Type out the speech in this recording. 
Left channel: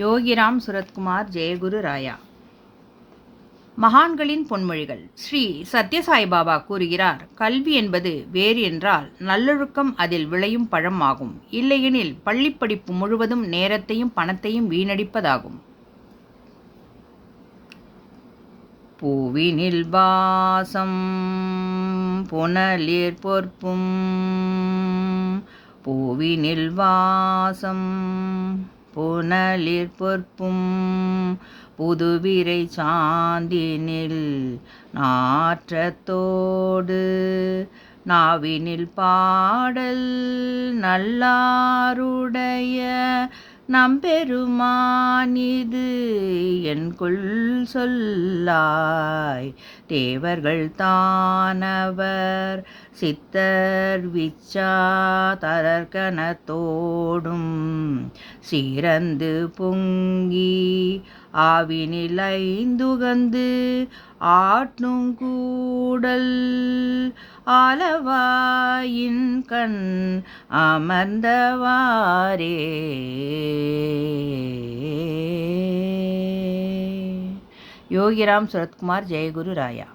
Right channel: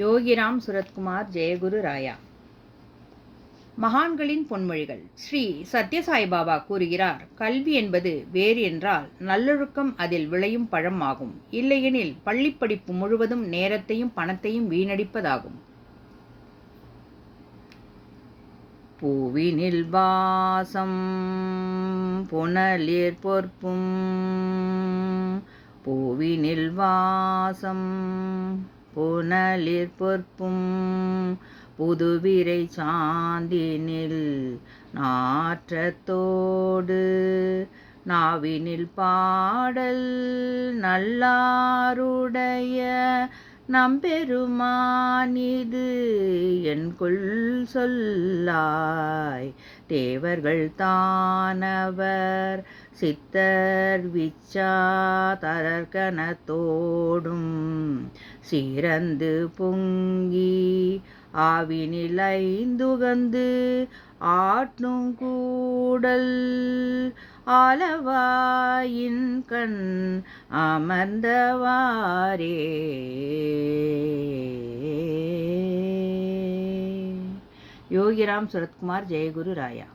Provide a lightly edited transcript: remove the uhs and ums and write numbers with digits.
யோகிராம் சுரத்குமார் ஜெயகுரு ராயா. மகான்களின் பொன்மொழிகள். ஸ்ரீ சத்யசாய்பாபா கூறுகிறார், கல்வி என்பது வேறு என்றால் நல்லொழுக்கம் அதில் விளையும் பழம் ஆகும். இல்லையெனில் பள்ளிப்படிப்பு முழுவதும் நேரத்தையும் பணத்தையும் வீணடிப்பதாகும். பூவினில் வாசம் புனலிர் பொற்பும், பூவினில் வாசம் புனலிர் பொற்பும், புதுவிரை சாந்தினில் நாற்றத்தோடு, நாவினில் பாடல் நல்லாருடைய நம்பெருமானிது என்கொள் சொல்லாய். தேவர்கள் தானவர் சித்தர் விச்சா தரர்கனத்தோடும், சீரந்து பொங்கி ஆவினில் ஐந்துகந்து ஆட்டும் கூடல், ஆலவாயின் கண் அமர்ந்தவாறே. யோகிராம் சுரத்குமார் ஜெயகுரு ராயா.